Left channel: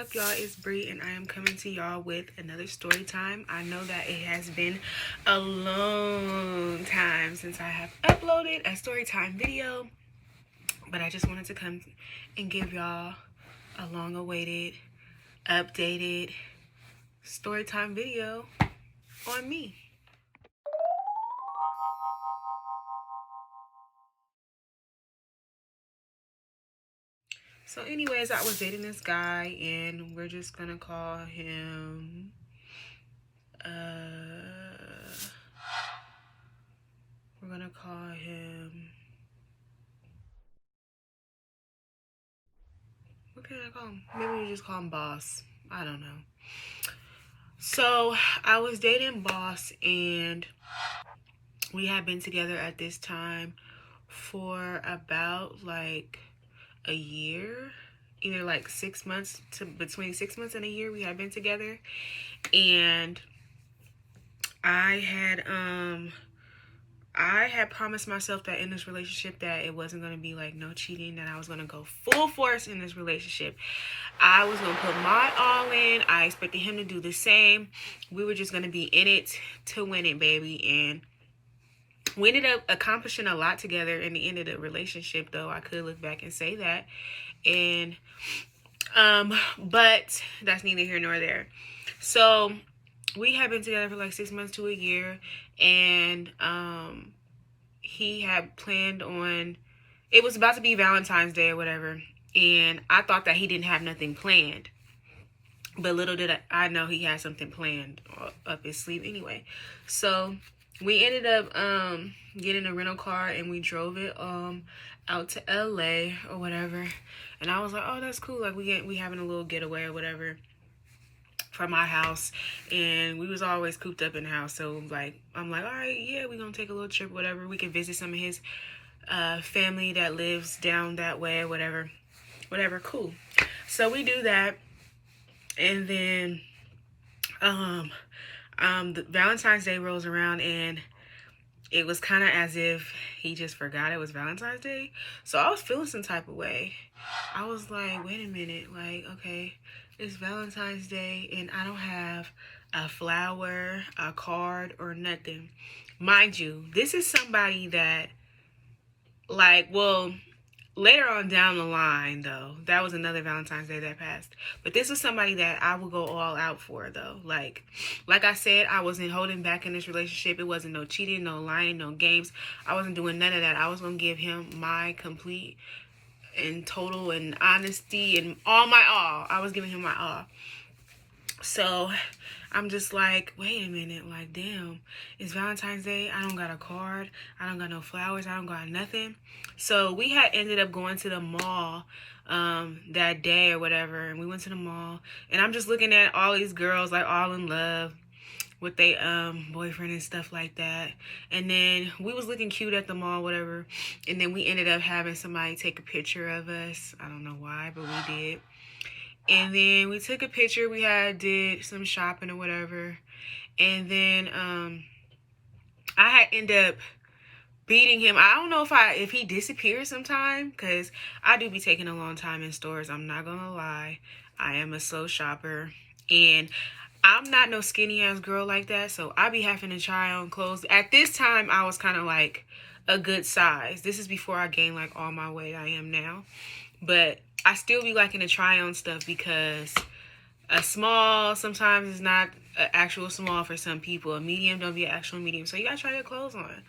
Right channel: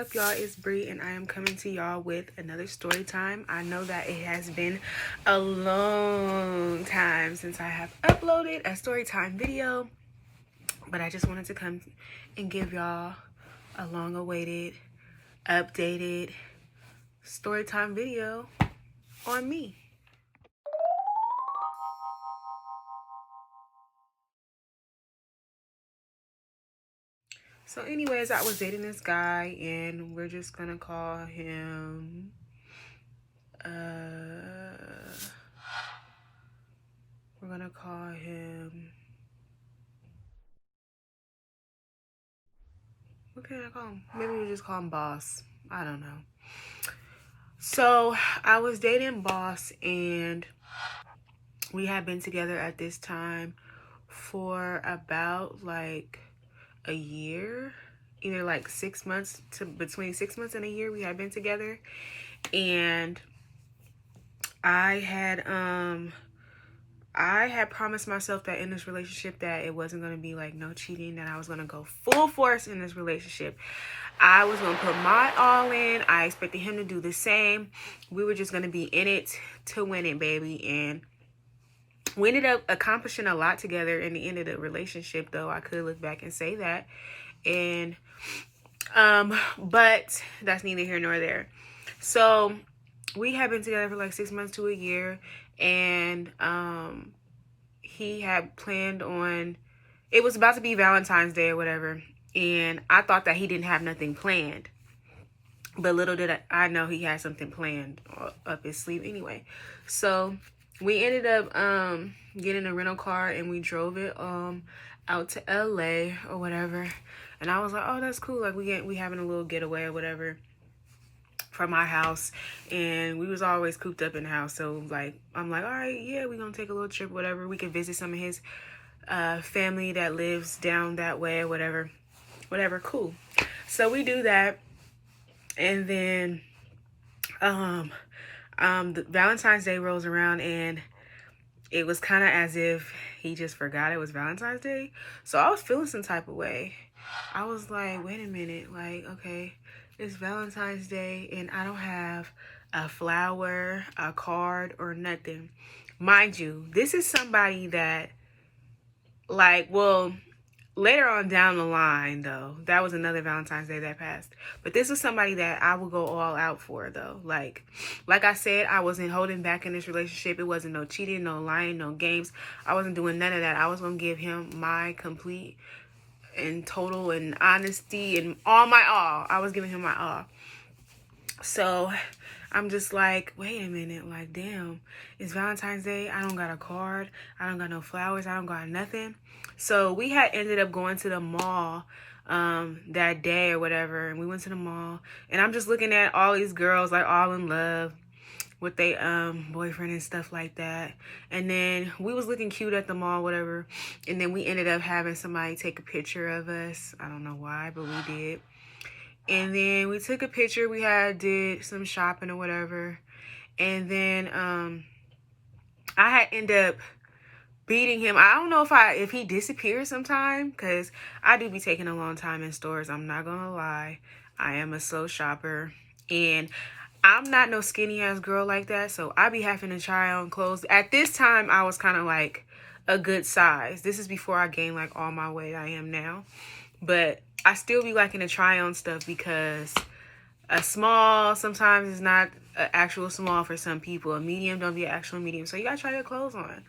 up, y'all? It's Bree, and I am coming to y'all with another story time. I know that it has been a long time since I have uploaded a story time video, but I just wanted to come and give y'all a long-awaited, updated story time video on me. So anyways, I was dating this guy, and we're just gonna call him we're gonna call him, what can I call him? Maybe we just call him Boss. I don't know. So I was dating Boss, and we had been together at this time for about like a year, either like 6 months to between 6 months and a year. We had been together, and I had promised myself that in this relationship that it wasn't going to be like no cheating, that I was going to go full force in this relationship. I was going to put my all in. I expected him to do the same. We were just going to be in it to win it, baby. And we ended up accomplishing a lot together in the end of the relationship, though. I could look back and say that. And but that's neither here nor there. So we had been together for like 6 months to a year, and he had planned on, it was about to be Valentine's Day or whatever, and I thought that he didn't have nothing planned, but little did I know he had something planned up his sleeve anyway. So we ended up getting a rental car, and we drove it out to LA or whatever, and I was like, oh, that's cool, like we having a little getaway or whatever from my house, and we was always cooped up in the house. So like, I'm like, all right, yeah, we gonna take a little trip, whatever. We can visit some of his family that lives down that way or whatever, cool. So we do that, and then the Valentine's Day rolls around, and it was kind of as if he just forgot it was Valentine's Day. So I was feeling some type of way. I was like, wait a minute, like, okay, it's Valentine's Day, and I don't have a flower, a card, or nothing. Mind you, this is somebody that, like, well, later on down the line, though, that was another Valentine's Day that passed. But this was somebody that I would go all out for, though. Like I said, I wasn't holding back in this relationship. It wasn't no cheating, no lying, no games. I wasn't doing none of that. I was going to give him my complete and total and honesty and all my all. I was giving him my all. So I'm just like, wait a minute, like, damn, it's Valentine's Day. I don't got a card. I don't got no flowers. I don't got nothing. So we had ended up going to the mall that day or whatever, and we went to the mall, and I'm just looking at all these girls, like, all in love with their boyfriend and stuff like that. And then we was looking cute at the mall, whatever, and then we ended up having somebody take a picture of us. I don't know why, but we did. And then we took a picture. We did some shopping or whatever, and then I had ended up beating him. I don't know if he disappeared sometime, because I do be taking a long time in stores. I'm not gonna lie. I am a slow shopper, and I'm not no skinny ass girl like that, so I be having to try on clothes. At this time, I was kind of like a good size. This is before I gained like all my weight I am now, but I still be liking to try on stuff, because a small sometimes is not an actual small for some people. A medium don't be an actual medium, so you gotta try your clothes on.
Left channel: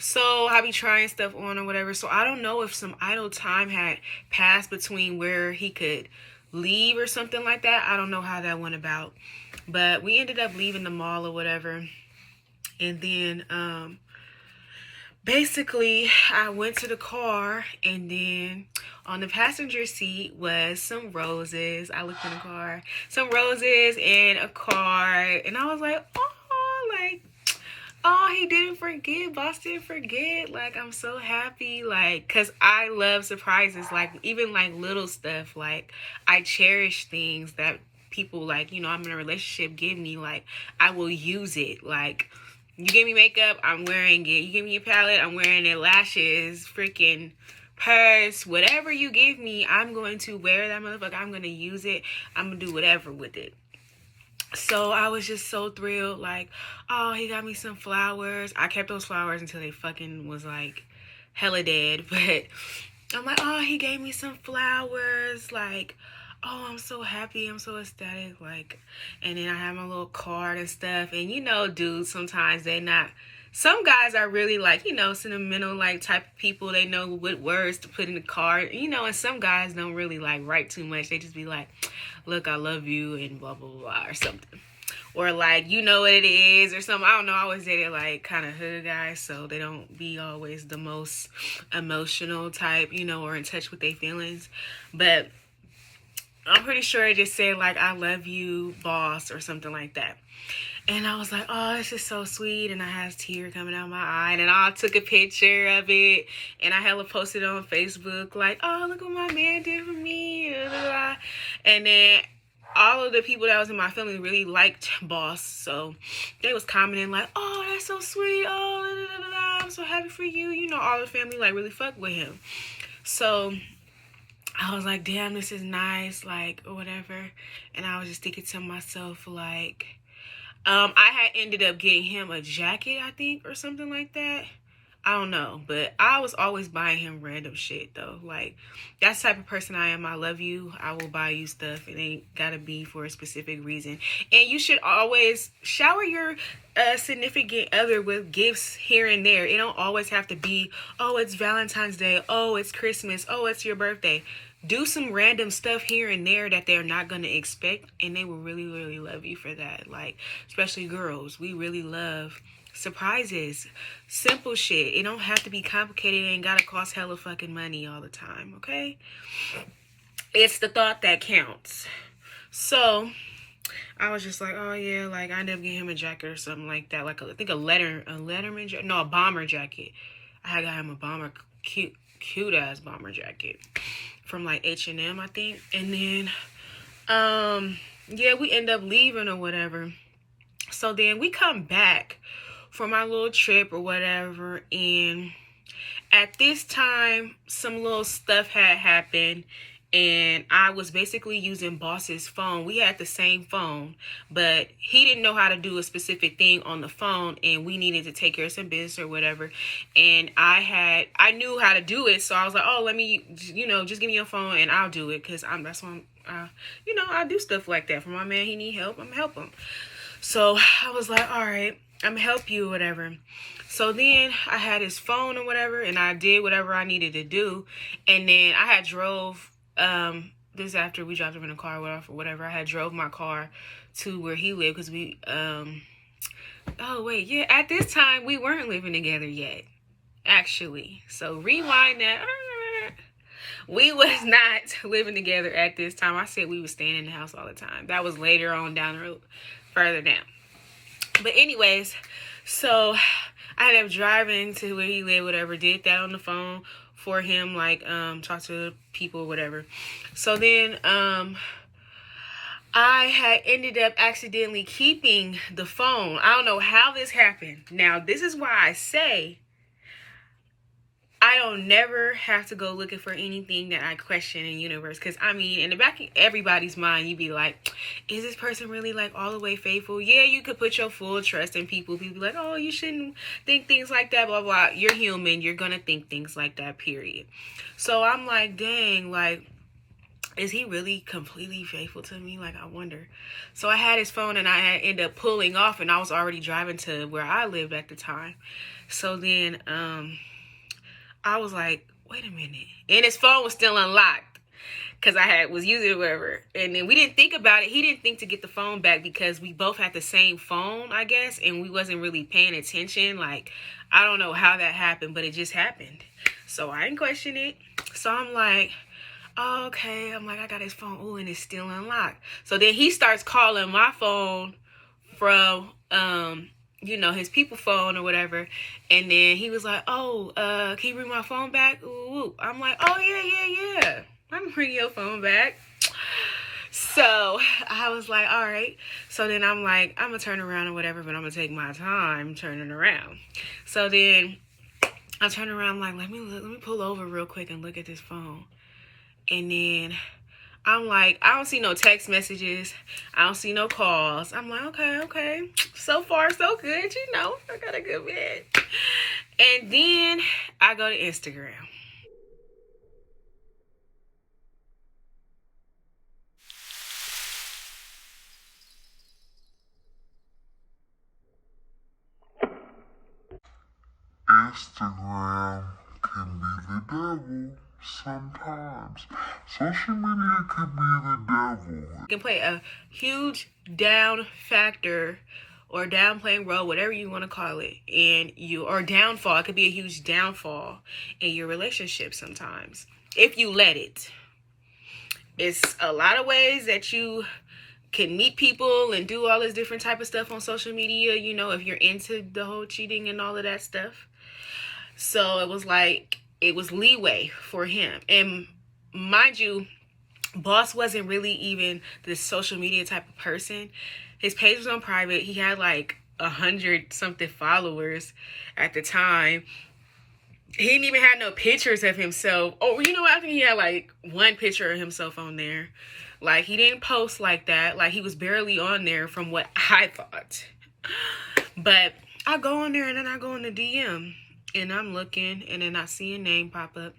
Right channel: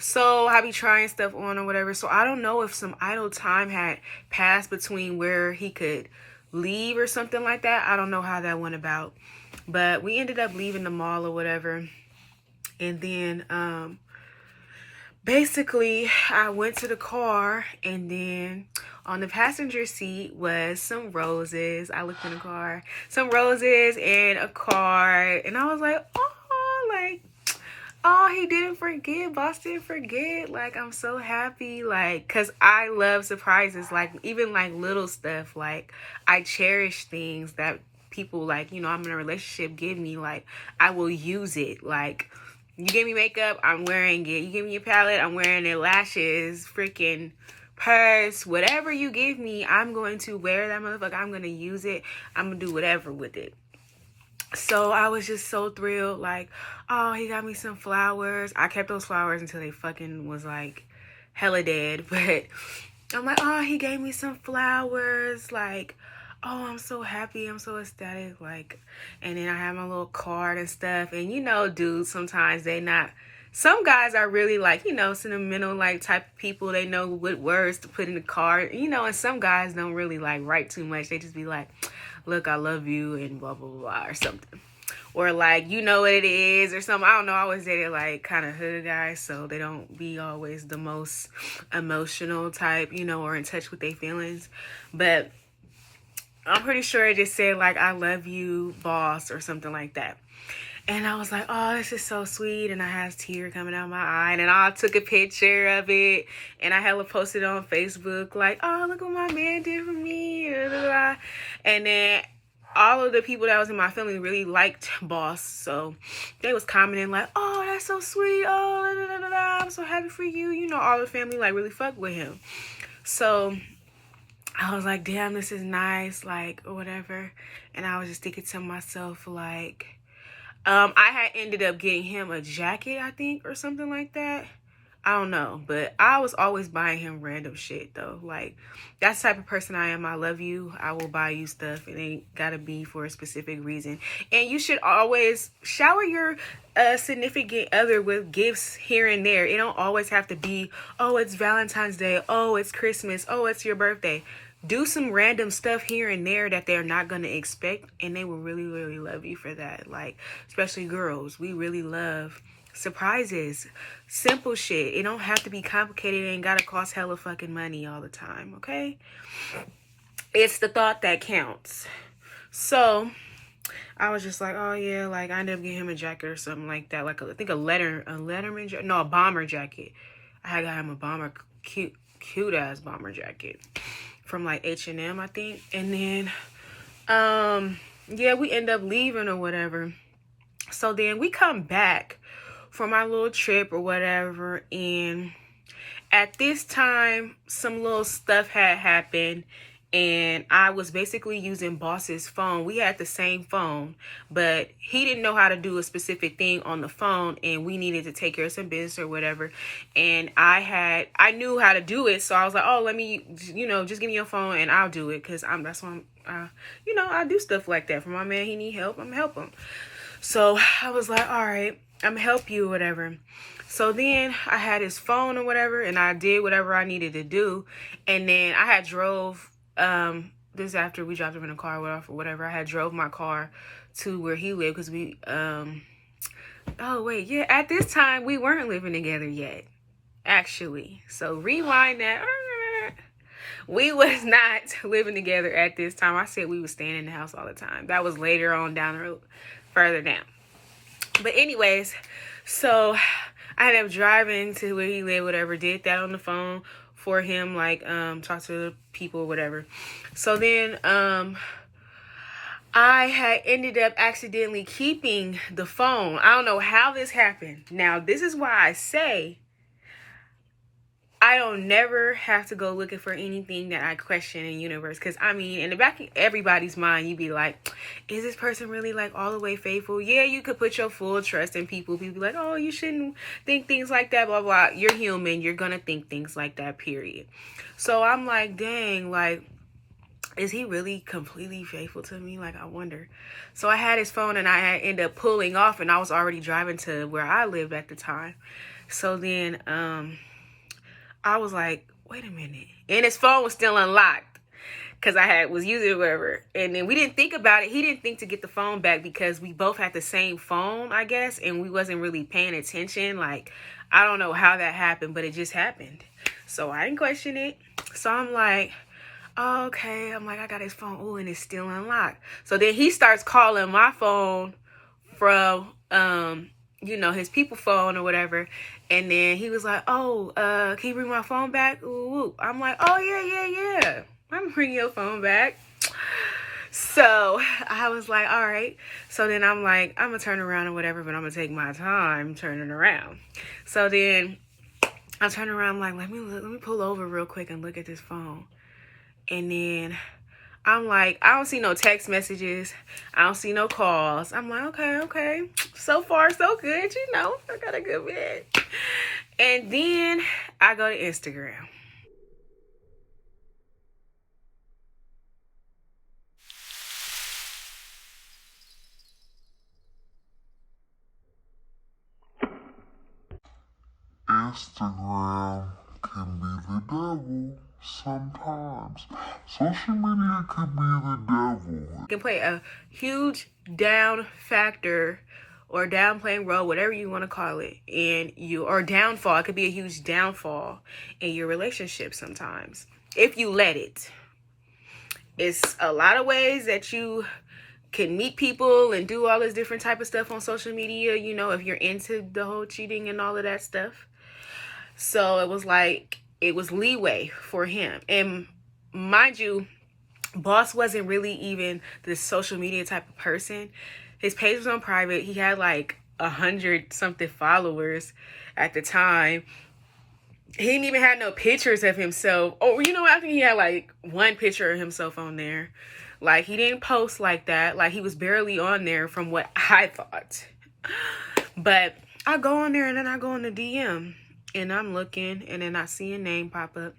So I be trying stuff on or whatever. So I don't know if some idle time had passed between where he could leave or something like that. I don't know how that went about. But we ended up leaving the mall or whatever. And then basically I went to the car, and then on the passenger seat was some roses. I looked in the car, some roses and a card. And I was like, oh, like, oh, he didn't forget. Boss didn't forget. Like, I'm so happy. Like, because I love surprises. Like, even, like, little stuff. Like, I cherish things that people, like, you know, I'm in a relationship, give me. Like, I will use it. Like, you give me makeup, I'm wearing it. You give me a palette, I'm wearing it. Lashes, freaking purse, whatever you give me, I'm going to wear that motherfucker. I'm going to use it. I'm going to do whatever with it. So I was just so thrilled. Like, oh, he got me some flowers. I kept those flowers until they fucking was like hella dead. But I'm like, oh, he gave me some flowers. Like, oh, I'm so happy. I'm so ecstatic. Like, and then I have my little card and stuff. And you know, dudes, sometimes they not. Some guys are really like, you know, sentimental, like type of people. They know what words to put in the card, you know, and some guys don't really like write too much. They just be like, look, I love you and blah, blah, blah, or something. Or like, you know what it is or something. I don't know. I always dated like kind of hood guys, so they don't be always the most emotional type, you know, or in touch with their feelings. But I'm pretty sure it just said like, I love you, boss, or something like that. And I was like, oh, this is so sweet. And I had a tear coming out my eye. And I took a picture of it. And I hella posted on Facebook like, oh, look what my man did for me. And then all of the people that was in my family really liked Boss. So they was commenting like, oh, that's so sweet. Oh, I'm so happy for you. You know, all the family like really fucked with him. So I was like, damn, this is nice. Like, or whatever. And I was just thinking to myself like, I had ended up getting him a jacket, I think, or something like that. I don't know, but I was always buying him random shit, though. Like, that's the type of person I am. I love you. I will buy you stuff. It ain't gotta be for a specific reason. And you should always shower your significant other with gifts here and there. It don't always have to be, oh, it's Valentine's Day. Oh, it's Christmas. Oh, it's your birthday. Do some random stuff here and there that they're not going to expect, and they will really, really love you for that. Like, especially girls, we really love surprises, simple shit. It don't have to be complicated. It ain't got to cost hella fucking money all the time, okay? It's the thought that counts. So I was just like, oh yeah, like I ended up getting him a jacket or something like that. Like I think a Letterman jacket. No, a bomber jacket. I got him a bomber, cute ass bomber jacket from like H&M, I think. And then yeah, we end up leaving or whatever. So then we come back from our little trip or whatever, and at this time some little stuff had happened, and I was basically using Boss's phone. We had the same phone, but he didn't know how to do a specific thing on the phone, and we needed to take care of some business or whatever. And I knew how to do it, so I was like, oh, let me, you know, just give me your phone and I'll do it, because that's what you know, I do stuff like that for my man. He need help, I'm gonna help him. So I was like, all right, I'm gonna help you or whatever. So then I had his phone or whatever, and I did whatever I needed to do. And then I had drove, this after we dropped him in a car or whatever, I had drove my car to where he lived, because we, oh wait, yeah, at this time we weren't living together yet, actually. So rewind that. We was not living together at this time. I said we was staying in the house all the time. That was later on down the road, further down. But anyways, so I ended up driving to where he lived, whatever, did that on the phone for him, like, talk to people, whatever. So then, I had ended up accidentally keeping the phone. I don't know how this happened. Now, this is why I say I don't never have to go looking for anything that I question in the universe. Because, I mean, in the back of everybody's mind, you'd be like, is this person really, like, all the way faithful? Yeah, you could put your full trust in people. People be like, oh, you shouldn't think things like that, blah, blah. You're human. You're going to think things like that, period. So I'm like, dang, like, is he really completely faithful to me? Like, I wonder. So I had his phone, and I had ended up pulling off, and I was already driving to where I lived at the time. So then, I was like, wait a minute. And his phone was still unlocked because I was using it, whatever. And then we didn't think about it. He didn't think to get the phone back because we both had the same phone, I guess. And we wasn't really paying attention. Like, I don't know how that happened, but it just happened. So I didn't question it. So I'm like, oh, okay. I'm like, I got his phone. Oh, and it's still unlocked. So then he starts calling my phone from, you know, his people phone or whatever. And then he was like, oh, can you bring my phone back? Ooh. I'm like, oh, yeah. I'm gonna bring your phone back. So I was like, all right. So then I'm like, I'm gonna turn around or whatever, but I'm gonna take my time turning around. So then I turn around, like, let me pull over real quick and look at this phone. And then I'm like, I don't see no text messages. I don't see no calls. I'm like, okay. So far, so good. You know, I got a good man. And then I go to Instagram. Instagram can be the devil sometimes. Social media can be the devil. It can play a huge down factor or downplaying role, whatever you want to call it, or downfall. It could be a huge downfall in your relationship sometimes if you let it. It's a lot of ways that you can meet people and do all this different type of stuff on social media, you know, if you're into the whole cheating and all of that stuff. So it was like, it was leeway for him. And mind you, Boss wasn't really even the social media type of person. His page was on private. He had like 100 something followers at the time. He didn't even have no pictures of himself. Oh, you know what? I think he had like one picture of himself on there. Like, he didn't post like that. Like, he was barely on there from what I thought. But I go on there and then I go in the DM and I'm looking and then I see a name pop up.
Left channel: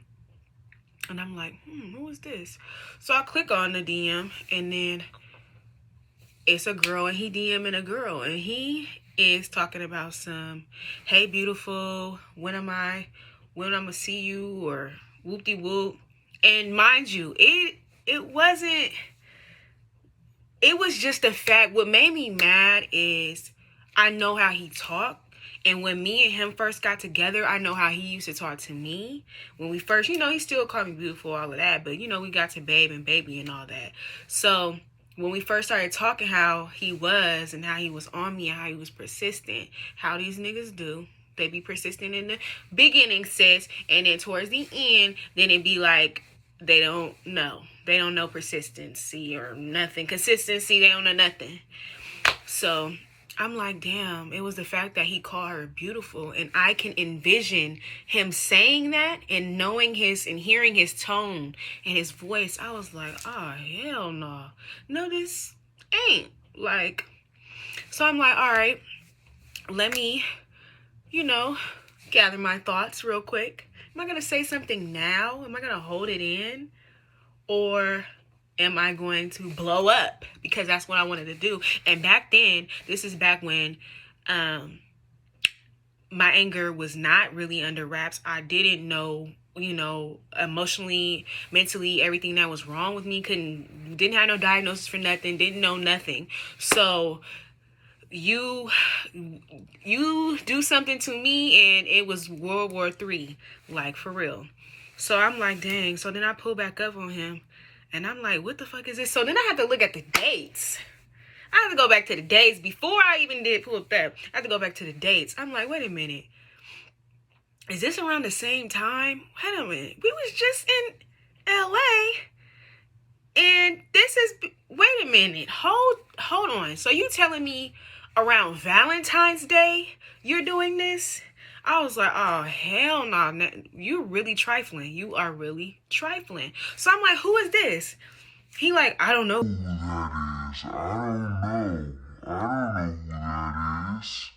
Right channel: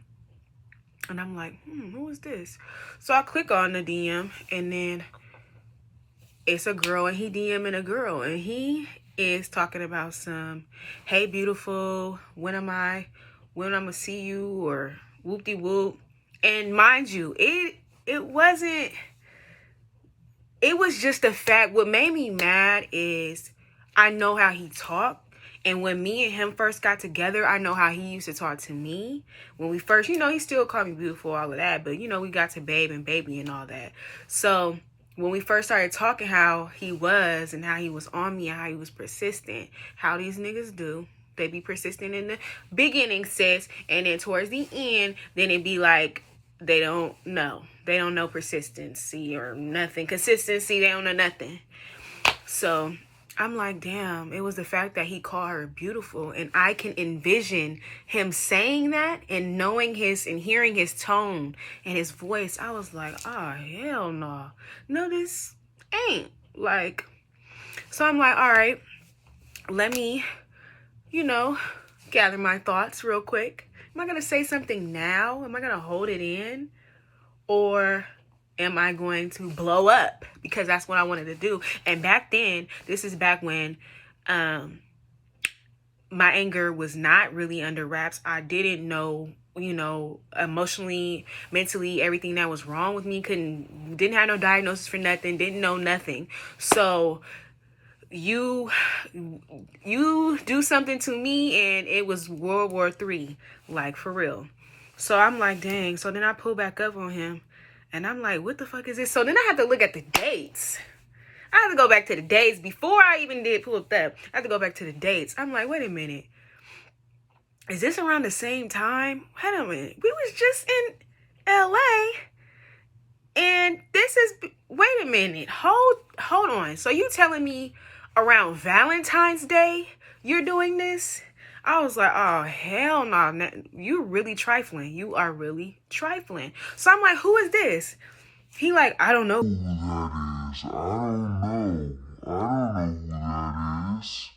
And I'm like, who is this? So I click on the DM and then it's a girl and he DMing a girl. And he is talking about some, hey, beautiful, when I'm gonna see you, or whoop-de-whoop. And mind you, it wasn't, it was just the fact, what made me mad is I know how he talked. And when me and him first got together, I know how he used to talk to me. When we first, you know, he still called me beautiful, all of that. But, you know, we got to babe and baby and all that. So when we first started talking, how he was and how he was on me and how he was persistent, how these niggas do. They be persistent in the beginning, sis. And then towards the end, then it be like, they don't know. They don't know persistency or nothing. Consistency, they don't know nothing. So I'm like, damn, it was the fact that he called her beautiful. And I can envision him saying that and knowing his and hearing his tone and his voice. I was like, oh, hell no. No, this ain't. Like, so I'm like, all right, let me, you know, gather my thoughts real quick. Am I going to say something now? Am I going to hold it in? Or am I going to blow up? Because that's what I wanted to do. And back then, this is back when my anger was not really under wraps. I didn't know, you know, emotionally, mentally, everything that was wrong with me. Didn't have no diagnosis for nothing. Didn't know nothing. So you do something to me and it was World War III, like, for real. So I'm like, dang. So then I pull back up on him and I'm like, what the fuck is this? So then I had to look at the dates. I had to go back to the dates before I even did pull up that. I had to go back to the dates. I'm like, wait a minute. Is this around the same time? Wait a minute. We was just in LA and this is, wait a minute. Hold on. So you telling me around Valentine's Day you're doing this? I was like, oh, hell no. Nah. You're really trifling. You are really trifling. So I'm like, who is this? He like, I don't know who that is. I don't know. I don't know who that is.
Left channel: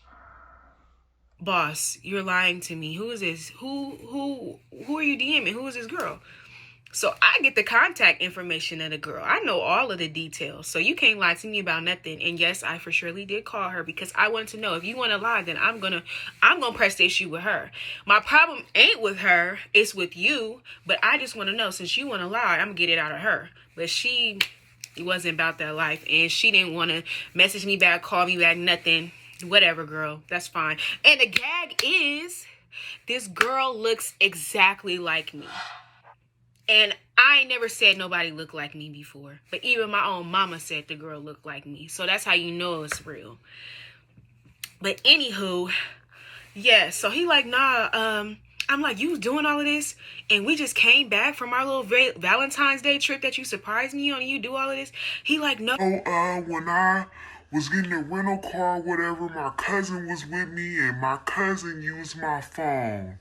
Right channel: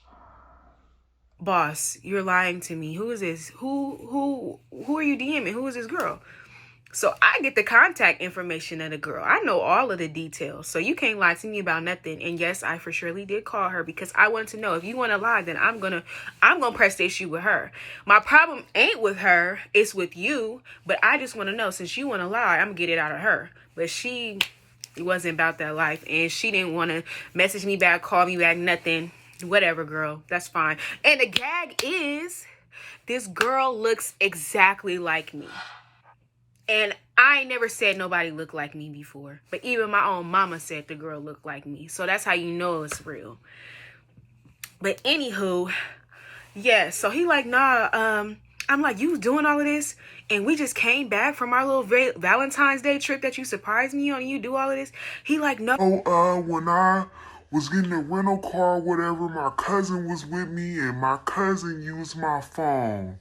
Boss, you're lying to me. Who is this? Who are you DMing? Who is this girl? So I get the contact information of the girl. I know all of the details. So you can't lie to me about nothing. And yes, I for surely did call her because I wanted to know. If you want to lie, then I'm gonna press the issue with her. My problem ain't with her, it's with you. But I just want to know, since you want to lie, I'm gonna get it out of her. But she wasn't about that life, and she didn't want to message me back, call me back, nothing. Whatever, girl. That's fine. And the gag is, this girl looks exactly like me. And I ain't never said nobody looked like me before. But even my own mama said the girl looked like me. So that's how you know it's real. But anywho, yeah. So he like, nah, I'm like, you doing all of this? And we just came back from our little Valentine's Day trip that you surprised me on and you do all of this? He like, no. When I was getting a rental car, whatever, my cousin was with me and my cousin used my phone.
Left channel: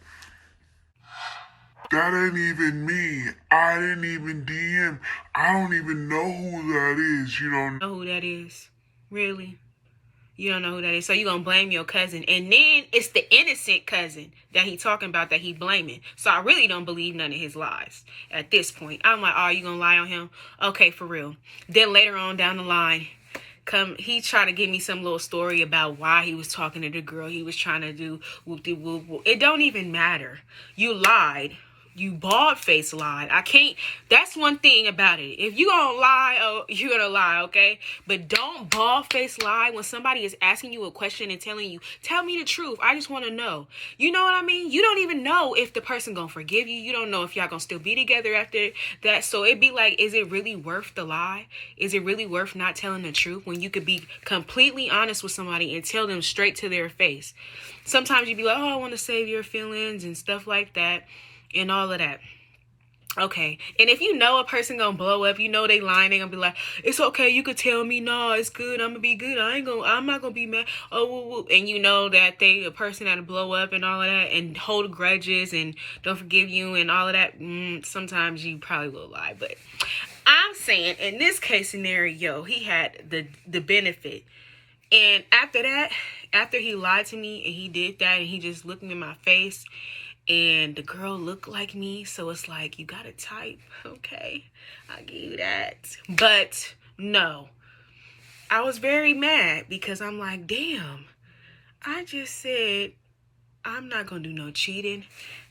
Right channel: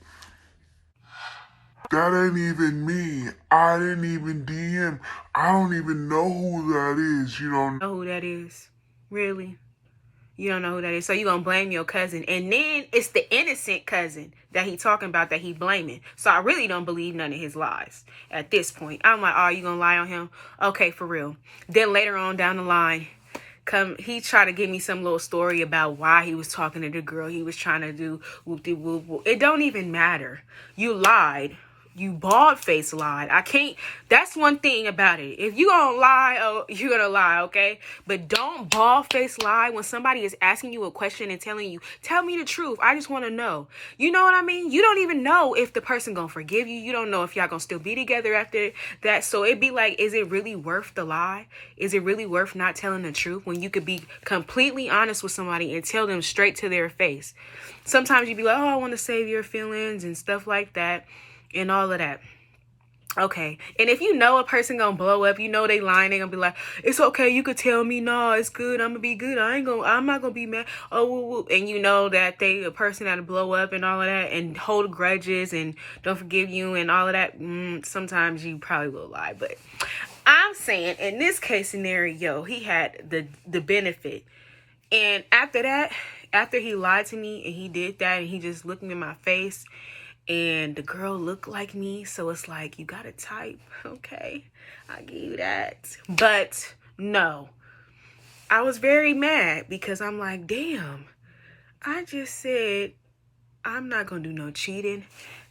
That ain't even me. I didn't even DM. I don't even know who that is. You don't know who that is? Really? You don't know who that is. So you gonna blame your cousin. And then it's the innocent cousin that he talking about that he blaming. So I really don't believe none of his lies at this point. I'm like, oh, you gonna lie on him? Okay, for real. Then later on down the line, he tried to give me some little story about why he was talking to the girl. He was trying to do whoop-de-whoop. It don't even matter. You lied. You bald-faced lied. I can't. That's one thing about it. If you gonna lie, oh, you're gonna lie, okay? But don't bald-faced lie when somebody is asking you a question and telling you, tell me the truth. I just want to know. You know what I mean? You don't even know if the person gonna forgive you. You don't know if y'all gonna still be together after that. So it'd be like, is it really worth the lie? Is it really worth not telling the truth when you could be completely honest with somebody and tell them straight to their face? Sometimes you'd be like, oh, I want to save your feelings and stuff like that. And all of that. Okay. And if you know a person gonna blow up, you know they lying, they gonna be like, it's okay, you could tell me, no, it's good, I'm gonna be good, I'm not gonna be mad. Oh, woo, woo. And you know that a person that'll blow up and all of that and hold grudges and don't forgive you and all of that, sometimes you probably will lie. But I'm saying in this case scenario, he had the benefit. And after that, after he lied to me and he did that and he just looked me in my face, and the girl looked like me, so it's like, you got a type, okay? I'll give you that. But no, I was very mad because I'm like, damn, I just said I'm not gonna do no cheating,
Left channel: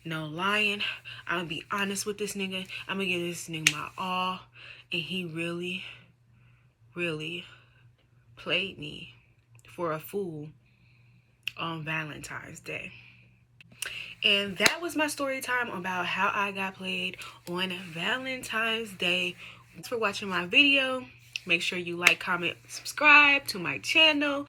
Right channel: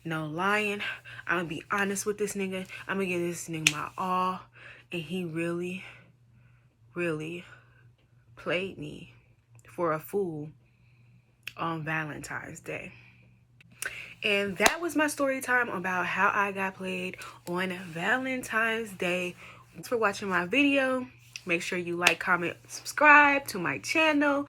no lying. I'm gonna be honest with this nigga. I'm gonna give this nigga my all, and he really, really played me for a fool on Valentine's Day. And that was my story time about how I got played on Valentine's Day. Thanks for watching my video. Make sure you like, comment, subscribe to my channel.